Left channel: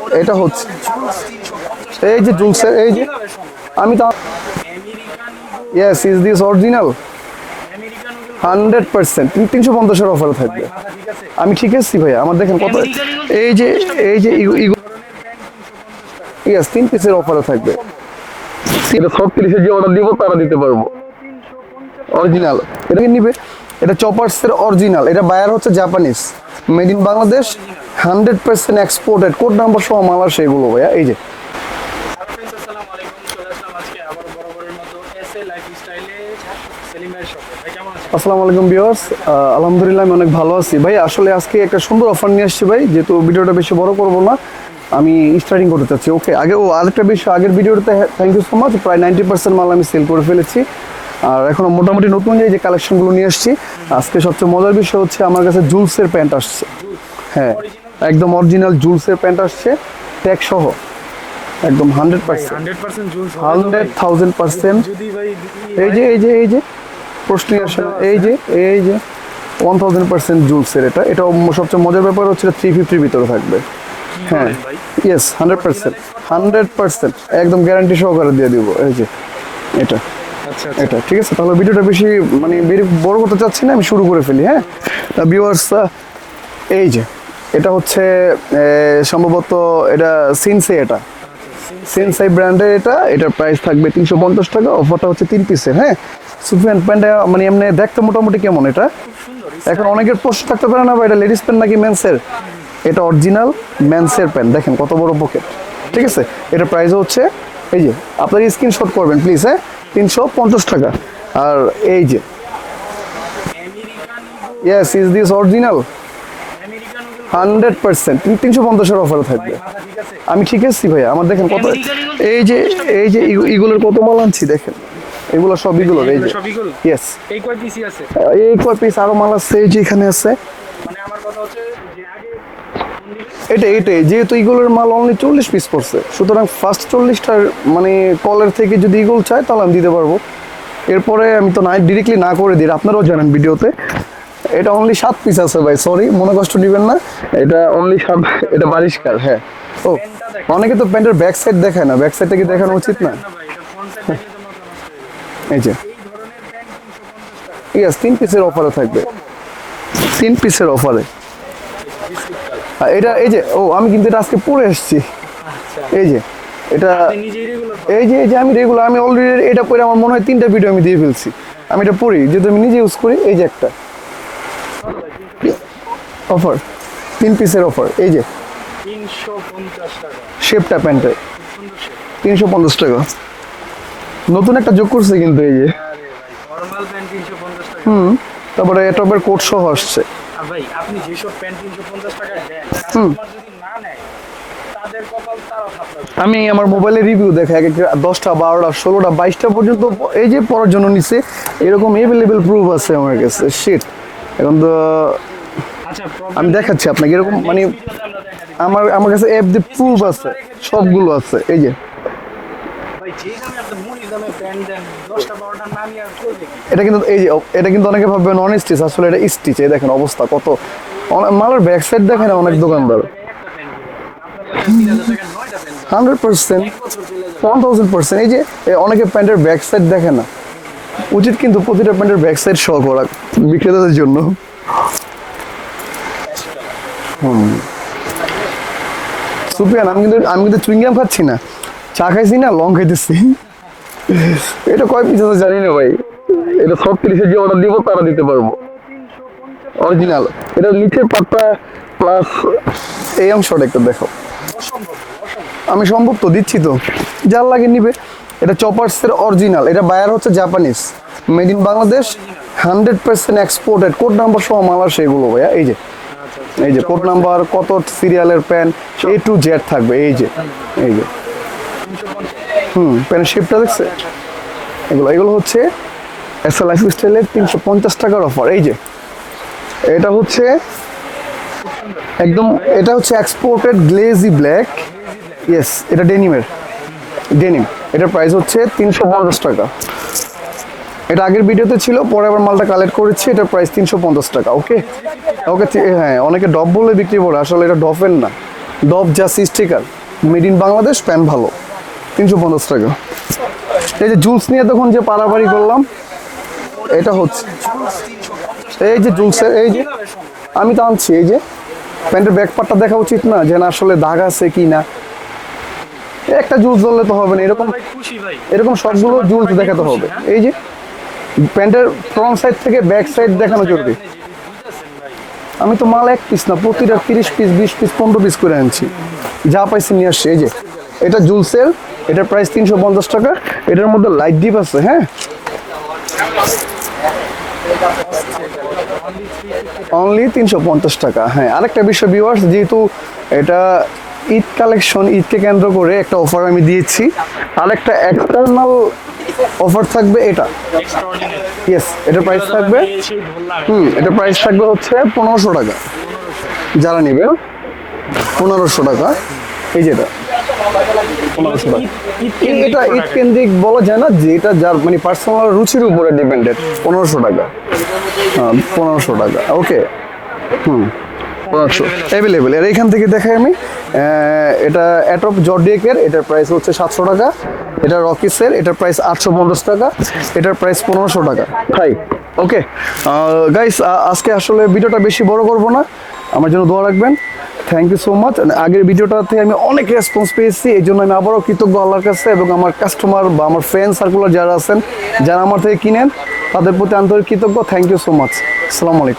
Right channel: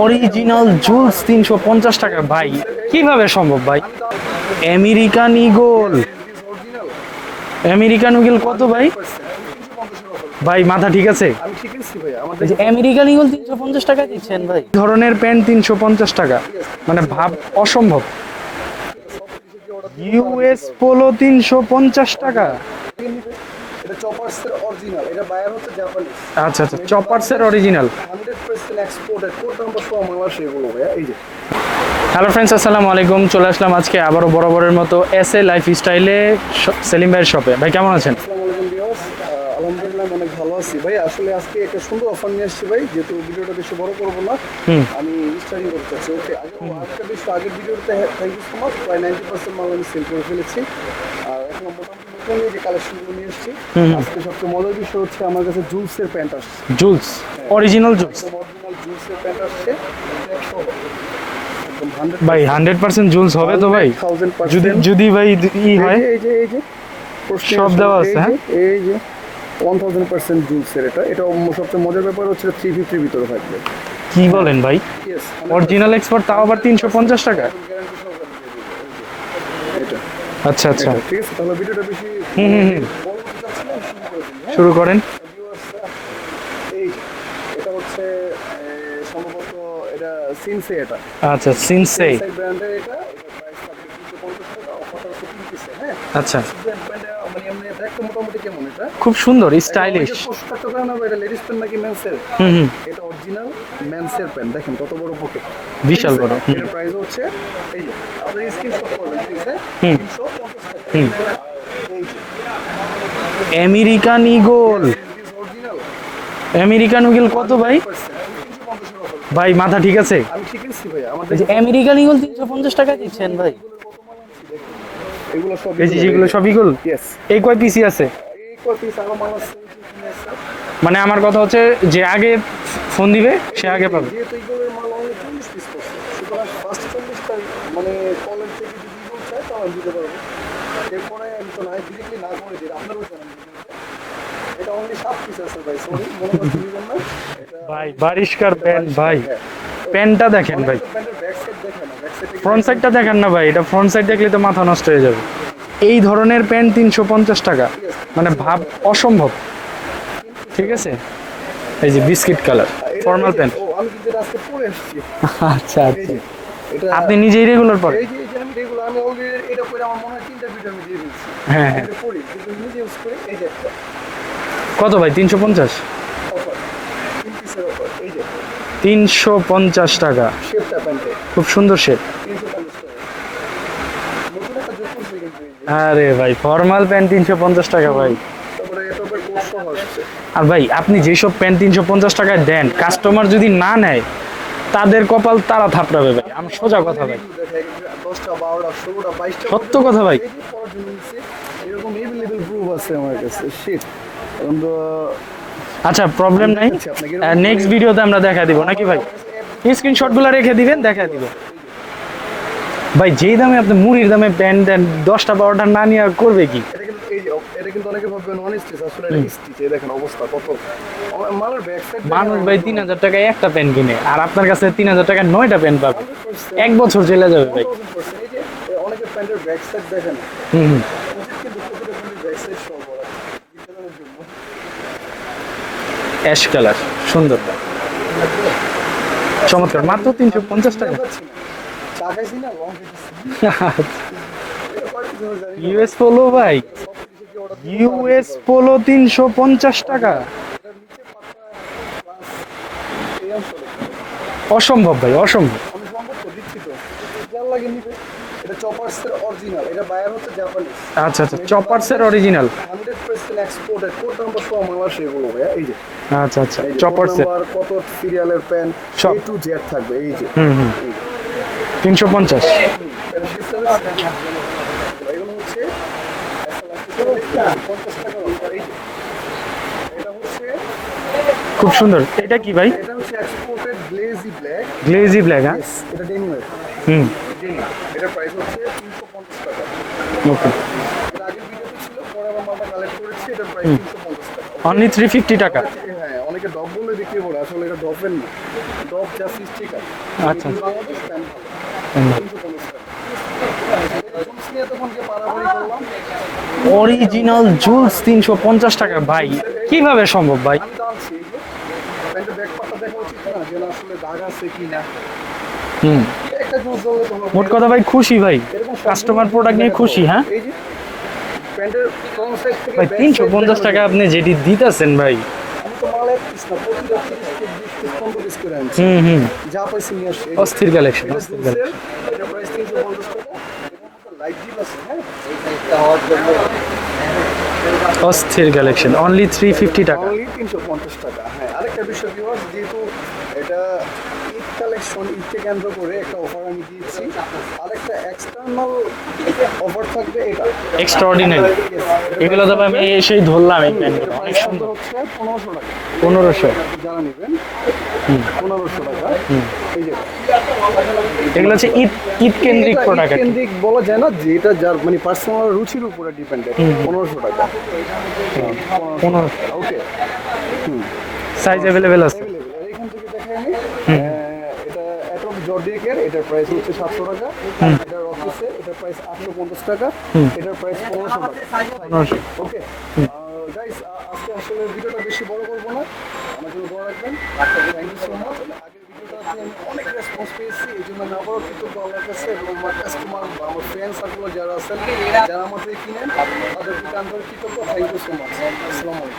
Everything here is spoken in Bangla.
অরিজিনাল জুলস 350 টাকা। এই যে এর- এই কীভাবে সম্ভব ভাই? আমি তো American Eagle yes is this original American Eagle কত ভাই? হান্ড্রেড পার্সেন্ট তিনশো পঞ্চাশের অফার ভাই মাথা ঠিক আছে? আমি ঠিক আছি ভাই আমার দেখেন আমেরিকান ইগল এই যে এই যে এই ধরনের প্যান্ট 350 টাকা। তিন মানে piece এর থাকবে। অসম্ভব। এটা সব তিরিশের যে অর্ডার দিব তারা দিতে পারব। পোলো 350 টাকা। অরিজিনাল এটা কি নিবে? এটা চপার্স এর অরিজিনাল এটা বায়ার হচ্ছে জাপানিজ আচ্ছা, made in Bangladesh. Hundred percent exported code number সহ মাল আসে এগুলো ভাইয়া এই যে। হ্যালো ফ্রেন্ডস আসসালামু আলাইকুম। চলে আসলাম আজকে আবারও বরাবরের মতো এস এ লাইফ স্টাইলে সেলিম ভাইয়ের শপে ভাই কেমন আছেন? আসসালামু আলাইকুম ভিউয়ার্স আলহামদুলিল্লাহ আমি অনেক ভালো আছি। ভাই আসলে আজকে একটা সুন্দর অফার নিয়ে এসেছি ভাই। যেহেতু ভিডিওটা বেশি বড় করব না আমি স্টার্টিং করতে চাচ্ছি। ওকে আগে ও আরেকটা বিষয় আগের ভিডিওতে থ্যাংক ইউ সো মাচ প্রায় নাইনটি পার্সেন্ট মাল আমি সেল করে ফেলেছি। আর এখন মোটামুটি নতুন যে কালেকশনগুলো নিয়ে এসেছি। আজকে সবচেয়ে মজার বিষয় হচ্ছে আমার কাছে জুলসের প্যান্ট আসছে। জুলস হ্যাঁ। অরিজিনাল একদম অরিজিনাল জুলসের প্যান্ট আসছে ট্যাগ সহ। একদম হান্ড্রেড ভাই 100% জুলস হবে তো ভাই। থাউজেন্ড যদি পার্সেন্ট যদি ভাই এই হয়? যে এই যে এই যে প্রশ্ন এই যে এই যে ওয়ান থাউজেন্ড পার্সেন্ট জুলসের এটা। এটা সবচেয়ে মজার ব্যাপার হচ্ছে থ্রি ফিফটির ভিতরে থাকবে। কি বলেন ভাই? হান্ড্রেড Original export তাও আবার 350 টাকা? একদম গ্যারান্টি সহকারে দিয়ে দিব। এই যে এটা। আচ্ছা আচ্ছা। ঠিক আছে? তাহলে ভিডিওটা বেশি মানে বড় করতে চাচ্ছি না আমি শুরু করে ফেলি হ্যাঁ? শুরু করেন। ভিউয়ার্স এই যে এটা হচ্ছে সম্ভবত এটা সিনসে এটা। আচ্ছা সিনসে সেন্সাই ব্র্যান্ডের এটা এটার প্রাইস থাকবে তিনশো পঞ্চাশ টাকা অফারটা হচ্ছে তিন পিসের হ্যাঁ? আচ্ছা। সুফিয়ান প্যান্টটা মানে এমনি দেখতে মোটামুটি কেমন এটা? খুব সুন্দর এখন অনেকের প্রশ্ন থাকতে পারে না বা এটা লেডিস প্যান্ট নাকি মেন্সের এটা অরিজিনাল মেন্সের প্যান্ট দেখেন কত বড় পকেট এটা প্রাইস হচ্ছে এই যে আপনার স্ক্রিনশট করবেন প্লিজ হ্যাঁ? তিনশো পঞ্চাশ টাকা। আর এই যে। American Eagle yes is this original American Eagle কত ভাই? হান্ড্রেড পার্সেন্ট তিনশো পঞ্চাশের অফার থাকবে। ভাই মাথা ঠিক আছে? আমি ঠিক আছি ভাই আমার দেখেন American Eagle এই যে এই যে। ইগুলোর কত মাল আনছি দেখেন। এগুলো সব ইগুলো এগুলো সব ইগল ইয়েস এই কয় পিসি আছে? এই কয় পিস আরও মাল আছে এই যে এখানে আছে। মানে আমার কথা হচ্ছে যে আগে ফোন দিবে এটা এটাই যেহেতু ইগুলোর মাল অনলি চল্লিশ পিস পড়ছে সুতরাং ফার্স্ট চল্লিশটার মানে কলের থেকে যদি ইগুল চায় তাহলে আমি দিতে পারব। এরপরে আমি তো না ডিরেক্টলি না করে দিই আপনারাও জানেন ভিডিওতে। এটা অনলি সাত পিস আছে ভাই সরি মনে কষ্ট নেবেন না। এটা অনলি সাত এটা বারিশকার হ্যাঁ। প্যান্টটা দেখেন অনেকে তো প্যান্টের ব্যাক সাইড দেখায় না ব্যাক সাইডটা কি দেখানো উচিত দেখেন না? ভাই এটা ফ্রন্ট সাইড দেখলে তো মাথা নষ্ট হয়ে যাবে। এই যে। এই ধরনের প্যান্ট তিনশো পঞ্চাশ টাকা। Yes, তিন মানে পিসের অফারে থাকবে। অসম্ভব। তিন পিসের অফারে এই যে বিস্কিট কালার। এটা এই যে ও আমি কিন্তু এটা আজকে পরে এসেছি। আচ্ছা। এই যে এটা আপনি নিজেই রেগুলার পড়েন এই যে এই যে আমি রেগুলার আমি অলরেডি এটা পরে আমার মনে হয় তিনটা ভিডিও আমি দিয়ে ফেলছি। হ্যাঁ, আমি এটা পড়ি যেহেতু আমি নিজে ইউজ করি এই যে একটা। কত ভাই তিনশো পঞ্চাশ? অফার তিন পিসের অফার এই যে। তিনশো পঞ্চাশ টাকা। শেপটা প্যান্টে খুব সুন্দর শেপ তিনশো পঞ্চাশ টাকা। নতুন একটা যোগ করছে কিন্তু এই যে। আরে ভাই ফর্মাল প্যান্ট তিনশো পঞ্চাশ টাকা ভাই। তারপরে কোট সহ আসছে। আর ভাই আপনি যেসব প্যান্ট তিনশো পঞ্চাশ টাকায় দেন কাস্টমার যদি না নেয় তাদের কপাল তারা থাপড়াবে আমি আমার মোবাইলে রিভিউ দেখা এক একটা দশটা বারোটা ষোলোটা বাইশটা পর্যন্ত এই যে পড়ার জন্য নিছে এরকম এভেলেবেল প্রুফ আছে আমার কাছে শিট এখন তো আচ্ছা প্রবলেম দেখাচ্ছি আপনাকে এরকম নেক্সট মানে- ভিডিওতে আমরা দেখা দিব আমার আমার কাছে অ্যাপ দিয়ে রেখে দিবেন, দেখা আছে এই যে। ভাই যেই দামে আপনি মুড়ির দামে প্যান্ট দেন দশটা বারোটা না নিয়ে করবে কি? এটা কিন্তু এই যে এটা কিন্তু অনেকে ভাববে নন স্টিচ আসলে এটা স্টিচ এই দেখেন অবস্থা কত। মালের ব্যাক সাইড দেখেন অনেক তিন দোকানদার টাকায় একটা প্যান্ট কিনে আর আপনার কাছে তিন হাজার টাকায় নয়টা প্যান্ট পাবে। হান্ড্রেড পার্সেন্ট এক বছর চলে যাবে। ওয়ান ভাই। থাউজেন্ড পার্সেন্ট এই যে অনেকে প্যান্টের ব্যাক সাইড দেখে না। উচিত কিন্তু প্রতিটা প্যান্টের ব্যাক সাইড শো করা বিক্রেতাদের জন্য। অ্যাশ কালার সুন্দর। আমি কিন্তু 350 চুইংগাম খাচ্ছি না। চা খাইছি না লং খাইতেছি। এটা কয় পিস আছে জানি না ভাই। Polo ভাই। এটা সব যে অর্ডার দিব তারা দিতে পারব। Polo 350 টাকা। এটা নিচের পাটটা প্লাস এই অংশটা একটু দেখো। অসম্ভব ভাই অসম্ভব। আমি সম্ভব তো দিচ্ছি তো। যার লাগে নিবে। এটা চপার্স এর অরিজিনাল এটা বায়ার হচ্ছে জাপানিজ আচ্ছা, made in Bangladesh. Hundred percent exported code number সহ মাল আসে এগুলো ভাইয়া এই যে। আচ্ছা আচ্ছা এই যে কোড নাম্বার কত সিরিয়ালের প্যান। এ টু জেড থাকবে এই যে। এই যে। 350 হুম প্যানের শেপটা দেখছে এগুলো এগুলো হচ্ছে এস এল লাইফ স্টাইলের তিনশো পঞ্চাশ টাকার অফার এই যে। এটা হচ্ছে খুব সুন্দর। একদম এটা হচ্ছে exported glazy black glazy black yes এটা ডেনিমের হুম। ডেনিম এটার প্রাইস হচ্ছে তিনশো পঞ্চাশ টাকা। ওকে এটা আগের ভিডিওতে ছিল পরে আবার মালটা কালেক্ট করেছি এটার প্রাইস তিনশো পঞ্চাশ টাকা ওকে অনলি 350 টাকা। ওকে হ্যাঁ অনেকে ডব বলে বিক্রি করে আসলে এটা ডফের না। ডব জাস sticker made in Bangladesh pant ভালো। তিনশো পঞ্চাশ টাকা। এই যে জুলস নিয়ে তখন যে পারাপারি করলাম অরিজিনাল জুলস 350 টাকা এই যে ভাই। জুলসের- এই কীভাবে সম্ভব ভাই? আমি তো আনছি এই যে। প্যান্টের ব্যাক পার্টটা দেখা উচিত না যে না আসলে দাগ আছে কি না। হুম। একটা জুস ধরলে তো হবে না কথা ভাই খুশি ভাই। এরকম সবগুলো কাস্টমার জুস প্রোডাক্ট খুশি হ্যাঁ? এই যে প্যান্টের ফ্রন্ট সাইড থেকে ব্যাক সাইড 350 দেখানো আপনি যেটি দিতেছেন ভাই আমি তো মাল এক পিস না প্রতিটা তিরিশ পিস বিশ পিস পনেরো পিস করে আনছি। যা পাইছি নিয়ে আসছি এই যে কালেকশন এটা জুলসেল এটার প্রাইস তিনশো পঞ্চাশ টাকা এটার মধ্যে লাইট ডিপ আছে হ্যাঁ? অস্থির কালেকশন অনলি 350 টাকা। অনলি তিনশো পঞ্চাশ টাকা হ্যাঁ। আরেকটা বিষয় ভিউয়ার্স যেহেতু এটা ঈদ কালেকশন ঈদকে কেন্দ্র করে একটা অফার আমি দিয়েছি। আরেকটা এক্সটার্নাল অফার থাকবে এটা। এক্সট্রাঅর্ডিনারি ইয়েস এটা প্রাইস থাকবে সেই ধরলাম এটা প্রাইস থাকবে হচ্ছে 1500 টাকা। 1500 যারা নেবে 1500 টাকা। এই যেটা এগুলো হচ্ছে ঈদ ঈদ কেন্দ্রিক প্রোডাক্ট কেন্দ্রিক বলা যায় না যেটা যার মানে পার্সোনাল রুচির উপরে ডিপেন্ডেড 1500 টাকা। 1500 টাকা। ওকে হুম। অ্যাভেলেবেল এর এখান থেকে দেখাই আমি। এটা অ্যাটপ জর্ডিয়েকের এটার প্রাইস হচ্ছে সাতশো টাকা। এটা রকিসের এটার প্রাইস আটশো পঞ্চাশ টাকা। এটার প্রাইস পনেরোশো টাকা। তাই ওকে গাইস আজকে আসলে ভিডিওটা বেশি বড় করব না। আমার জন্য দোয়া রাখবেন। থ্যাংক ইউ সো মাচ আগের ভিডিওটাতে আমি অনেক রেসপন্স পেয়েছি। এই জন্য আমি আবারও কৃতজ্ঞ আল্লাহর কাছে এবং আমার কাস্টমার বা আমার ফ্রেন্ড সার্কুলার যারা আছেন যারা আমার থেকে কিনেন তাদের প্রতি আন্তরিক কৃতজ্ঞ। থ্যাংক ইউ সো মাচ আসসালামু আলাইকুম